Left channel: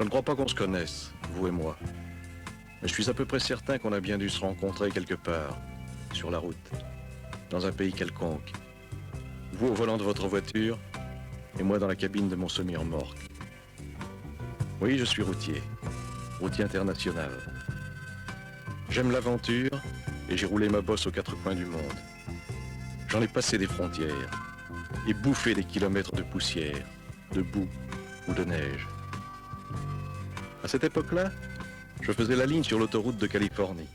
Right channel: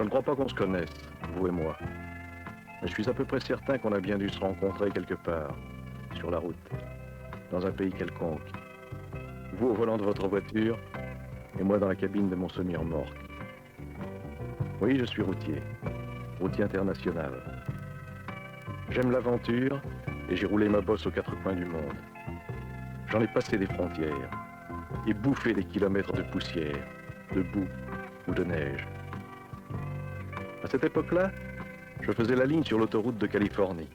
Je ne crois pas qu'on se connaisse, vous et moi. Mais je suis à peu près certain qu'on a bien dû se rencontrer quelque part, sur la route, dans un pays quelconque. Vous au volant de votre voiture, et moi dans la cabine de mon semi-remorque. Oui, je suis routier international. J'aime l'aventure, et j'ai roulé ma bosse aux quatre coins du monde. J'en ai passé des frontières, et bouffé des kilomètres de poussière, de boue ou de neige. À cette époque-là, je faisais la ligne sur l'autoroute de Californie.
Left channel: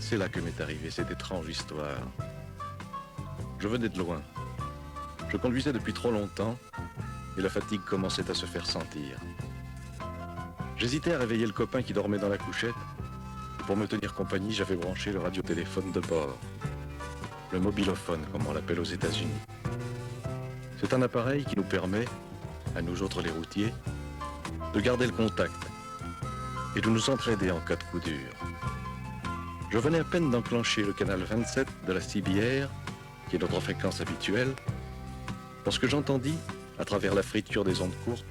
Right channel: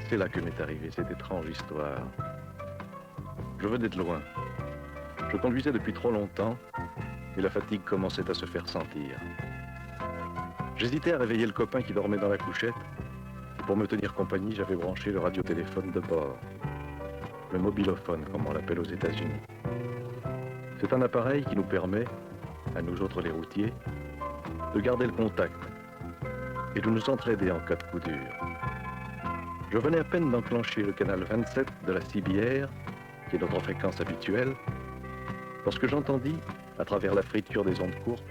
C'est là que m'est arrivée cette étrange histoire. Je venais de loin. Je conduisais depuis trop longtemps et la fatigue commençait à se faire sentir. J'hésitais à réveiller le copain qui dormait dans la couchette. Et pour me tenir compagnie, j'avais branché le radiotéléphone de bord. Le mobilophone, comme on l'appelle aux États-Unis. C'est un appareil qui nous permet, à nous autres les routiers, de garder le contact et de nous entraider en cas de coup dur. Je venais à peine d'enclencher le canal 27 de la CBR, qui est notre fréquence habituelle, lorsque j'entendis, à travers la friture des ondes courtes,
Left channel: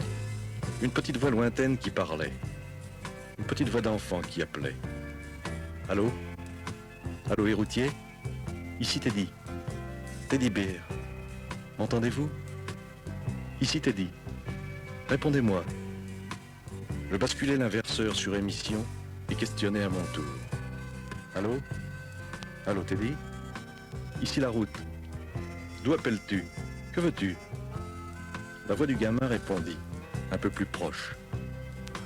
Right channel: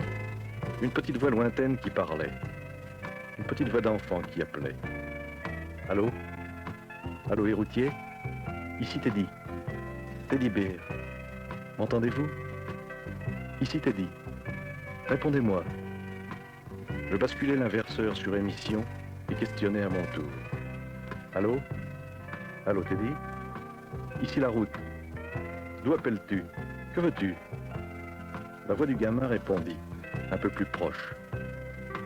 une petite voix lointaine qui parlait. Une petite voix d'enfant qui appelait. Allô? Allô les routiers? Ici Teddy. Teddy Bear. M'entendez-vous? Ici Teddy. Répondez-moi. Je basculais l'inverseur sur émission et questionnais à mon tour. Allô? Allô Teddy? Ici la route. D'où appelles-tu? Que veux-tu? La voix du gamin répondit, un peu plus proche.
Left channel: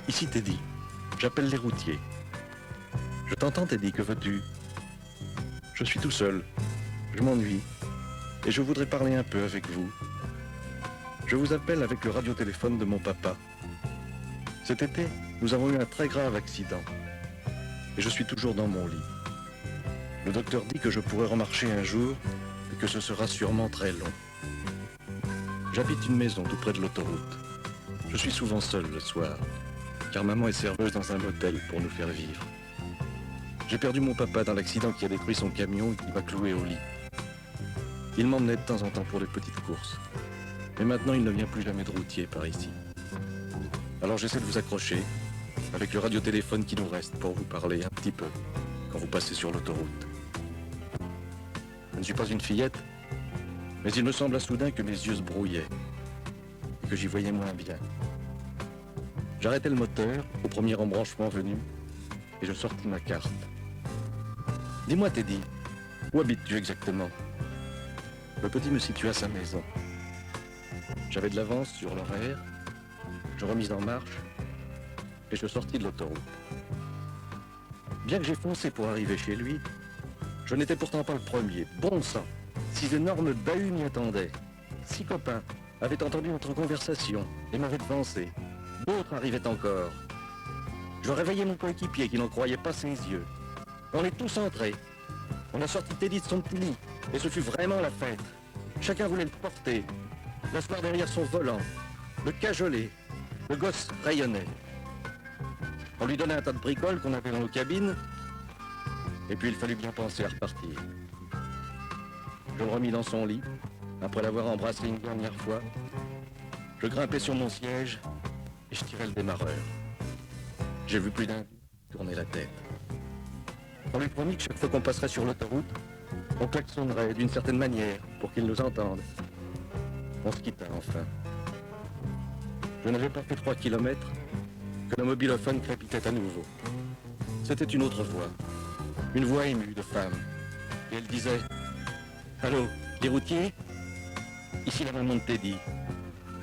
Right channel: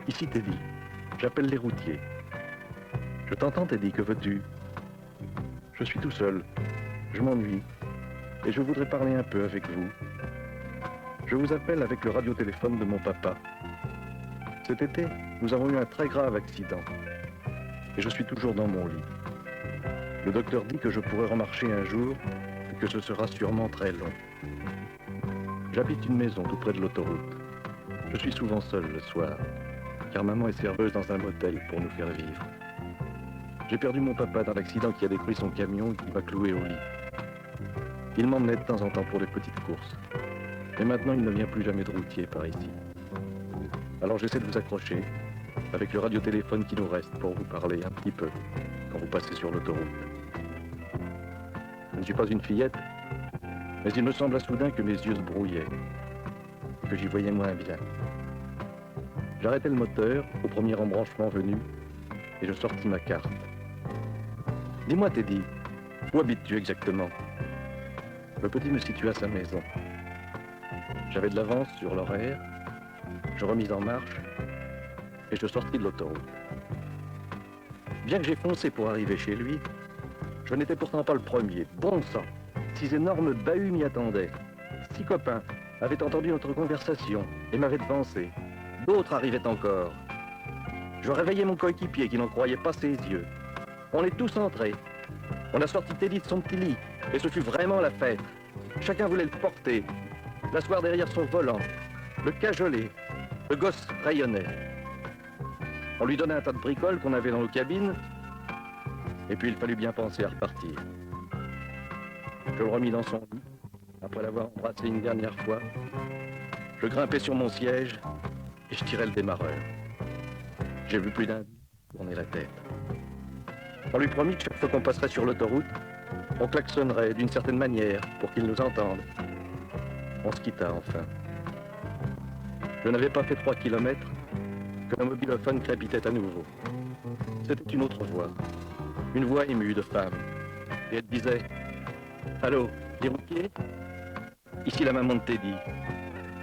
Ici Teddy. J'appelle les routiers. Je t'entends Teddy, que veux-tu? Je suis tout seul. Je m'ennuie. Et je voudrais parler un peu avec vous. Je vous appelle avec le radiotéléphone de mon papa. Cet été, nous avons eu un très grave accident. Et je suis toujours dans mon lit. Le docteur dit que je pourrai remarcher un jour et que ce sera sûrement très long. J'habite une maison tout près de l'autoroute. Je suis souvent seul le soir, car maman est serveuse dans un motel pour nous faire vivre. J'ai perdu mon papa dans l'accident qui a détruit son camion et qui m'a cloué au lit. Il m'emmenait de temps en temps pour des petites courses. Et maintenant, il ne vient plus jamais de routier par ici. Alors j'essaie de vous accrocher, avec le radiotéléphone qui nous reste, pour vous parler un petit peu, quand vous passez sur l'autoroute. Je ne suis pas une fillette, mais il me sembla soudain que mes yeux se brouillaient, et que j'y voyais moins bien. J'arrêtai le moteur, au premier embranchement venu, et je sortis ma carte. Dis-moi, Teddy, où habites-tu exactement? Le petit me situa sa maison. J'avais de l'avance sur l'horaire, je remis en marche, et je sortis de l'autoroute. Bien que j'ai foncé pour arriver chez lui, je n'étais pourtant pas le premier. Bon sang, 6 énormes bahuts m'y attendaient. 6 copains avaient entendu notre conversation et m'avaient devancé. D'autres arrivaient encore. Je réveillais mon coéquipier qui n'en croyait pas ses yeux. On est tous entrés. On a sorti Teddy de son petit lit, et ce fut vraiment la fête. Chacun voulait le porter, l'asseoir derrière son volant, le cajoler. Le gosse rayonnait. On lui donnait un tas de bricoles qu'on avait dans nos cabines, et puis il fallut bien penser à repartir. Je le remis dans son lit, après l'avoir embrassé une dernière fois. Je grimpais sur mon siège, et je tirais le démarreur. J'ai vu plus d'un tourner la tête. On lui promit que chaque fois qu'on passerait sur l'autoroute, on klaxonnerait d'une certaine manière pour qu'il nous entende. On se quitta enfin. Je n'avais pas fait 3 kilomètres que le mobilophone crépitait à nouveau. C'était une autre voix, une voix émue de femme. Et elle disait « Allô, les routiers? Ici la maman de Teddy.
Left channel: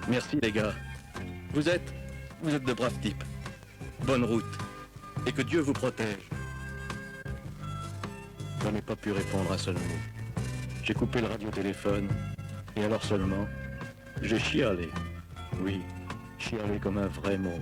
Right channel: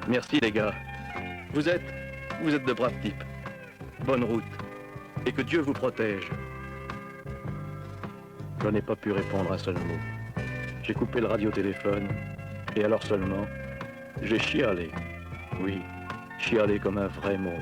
Merci les gars. Vous êtes de braves types. Bonne route. Et que Dieu vous protège. » Je n'ai pas pu répondre un seul mot. J'ai coupé le radiotéléphone, et alors seulement, j'ai chialé. Oui, chialé comme un vrai monde.